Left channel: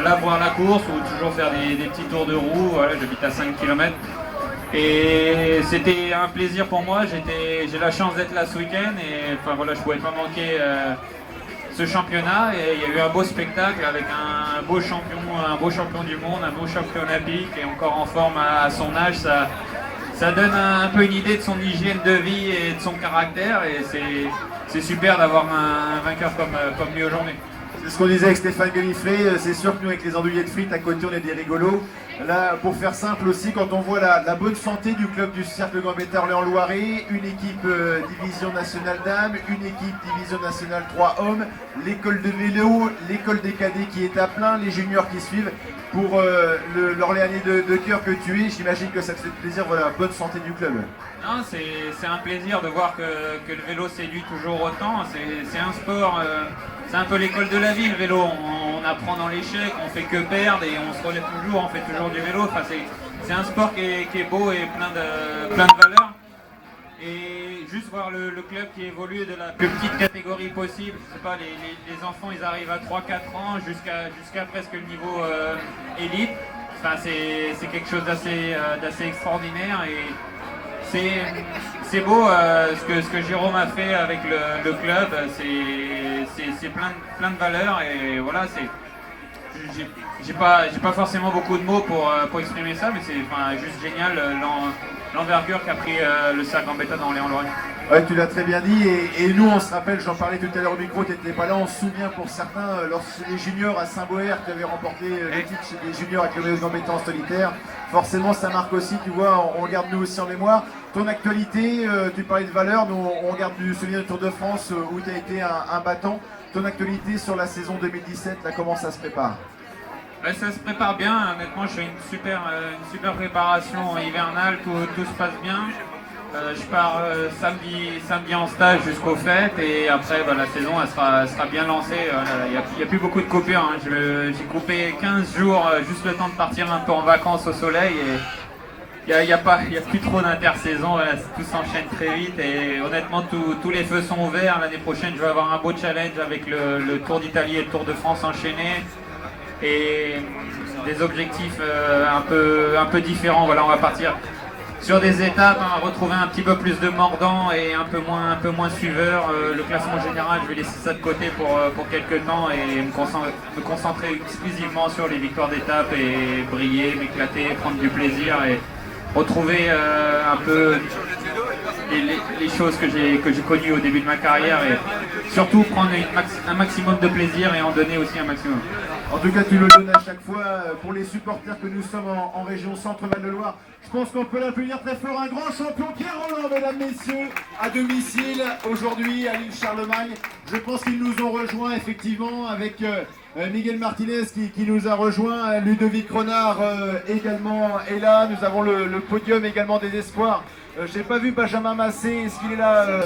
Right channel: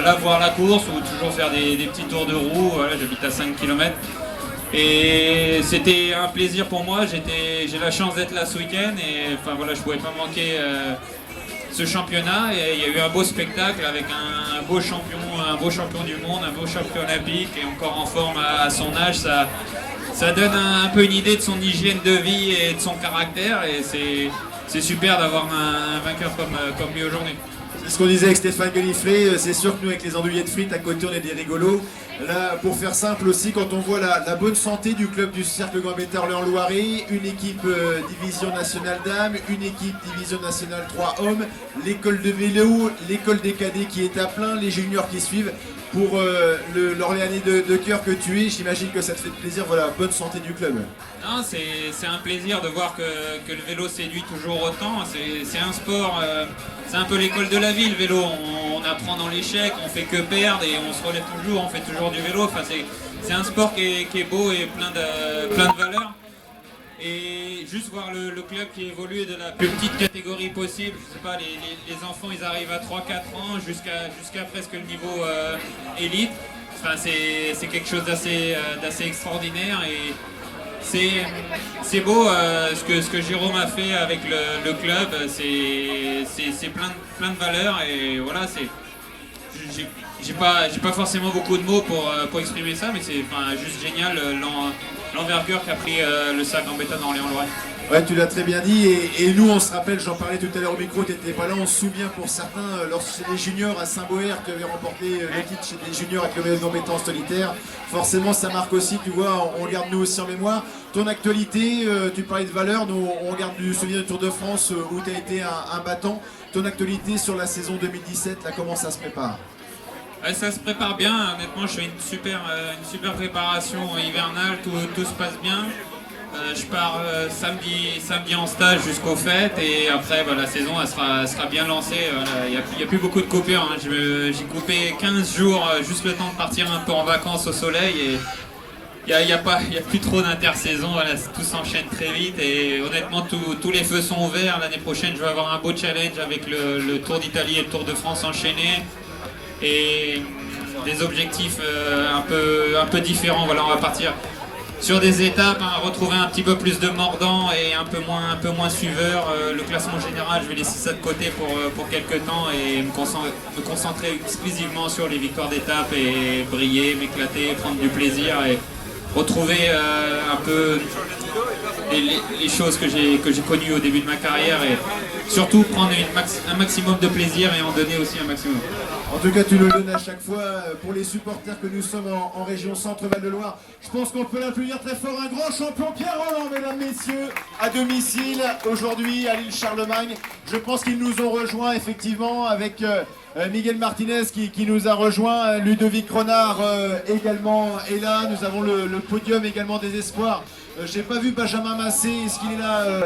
voilà, voir la course ou toujours faire des petits tours de roue. Voilà, j'habite à 5 km. Et c'était un plaisir pour moi. J'ai la chance d'être là ce week-end et enfin voilà, je pouvais pas manquer ce championnat. Et il y a eu un beau spectacle avec un beau champion du monde, un beau champion olympique et encore en forme à son âge. Ça donne un peu une idée de son hygiène de vie et de son caractère. Et c'est super d'avoir un vainqueur comme lui aujourd'hui. C'est ce qu'on disait avec Stéphane Gallifrey, c'est sûr que nous avec les andouillets de frites à côté on est des rigolos. Là, pour faire simple aussi, quand on voit la bonne santé du club du Cercle Gambetta Orléans-Loiret, une équipe division nationale dames, une équipe division nationale 3 hommes, l'école de vélo, l'école des cadets qui est à plein, les juniors qui suivent. Pour l'Orléanais de cœur que tu es, j'imagine que ça te fait plaisir, voilà, bonne santé du club. Non, c'est un plaisir de voir que le vélo séduit toujours autant. C'est un sport, c'est un peu l'école de la vie, le vélo. On apprend dans l'échec, on fait que perdre et on se relève toujours, on fait toujours du vélo. Enfin, c'est un sport qui est beau et plein de valeurs. Et juste voir le club qui évolue de la plus petite catégorie possible. Je sais pas, les enfants ils arrivent à 3-4 ans jusqu'à presque le niveau élite. Enfin, c'est quelque chose d'assez extraordinaire et c'est beau ce que Jérôme a fait avec le club. C'est plein de valeurs et voilà, j'ai pas forcément beaucoup de mots pour exprimer ça, mais c'est enfin, juste génial l'envergure qu'a pris le Cercle Gambetta dans Orléans-Loiret. Ouais, tu l'as très bien dit, et nous on se rappelle, j'en parlais tout à l'heure au micro, tu n'étais pas là, on se souvient pour certains, lorsque les juniors à Saint-Boer qui avaient remporté le titre chez les juniors avec le maillot de Gambetta en solitaire, forcément ça marque aussi, tu vois, on garde nous aussi en mémoire. Ton actualité, tu parlais de valeur, nous on garde du souvenir du Tour de France où tu as été un battant. Ton actualité sur la saison 2017, là comment ça se prépare? Ouais, ça se prépare bien, honnêtement je fais une super préparation hivernale, tout se passe bien. Je pars samedi en stage jusqu'aux fêtes et après la saison elle sera bien lancée. Il n'y a plus beaucoup de coupures. Hein. J'ai coupé 15 jours, juste le temps de partir un peu en vacances au soleil et il n'y a plus trop d'intersaison. Voilà, tout s'enchaîne très vite et honnêtement tous les feux sont ouverts. L'année prochaine je vais avoir un beau challenge avec le Tour d'Italie et le Tour de France enchaînés et des objectifs un peu différents. Voilà, on va partir sur des étapes, hein, retrouver un petit peu plus de mordant et un peu moins suiveur. Le classement général, je vais laisser ça de côté pour quelques temps et me concentrer exclusivement sur les victoires d'étape et briller, m'éclater, prendre du plaisir et retrouver un peu les choses que j'ai connues au début de ma carrière et surtout prendre un maximum de plaisir et en donner aussi un maximum. En tout cas, tu le donnes à chaque fois pour les supporters que nous sommes en région Centre-Val-de-Loire. Je pense qu'on peut l'applaudir très fort. Un grand champion, Pierre Rolland, mesdames, messieurs, à domicile aujourd'hui à l'île Charlemagne. Je pense qu'ils nous ont rejoints effectivement avec Miguel Martinez qui nous a rejoint. Ludovic Renard également est là. Nous avons le podium également des espoirs. Je n'ai pas vu Benjamin Massé. Est-ce qu'il est là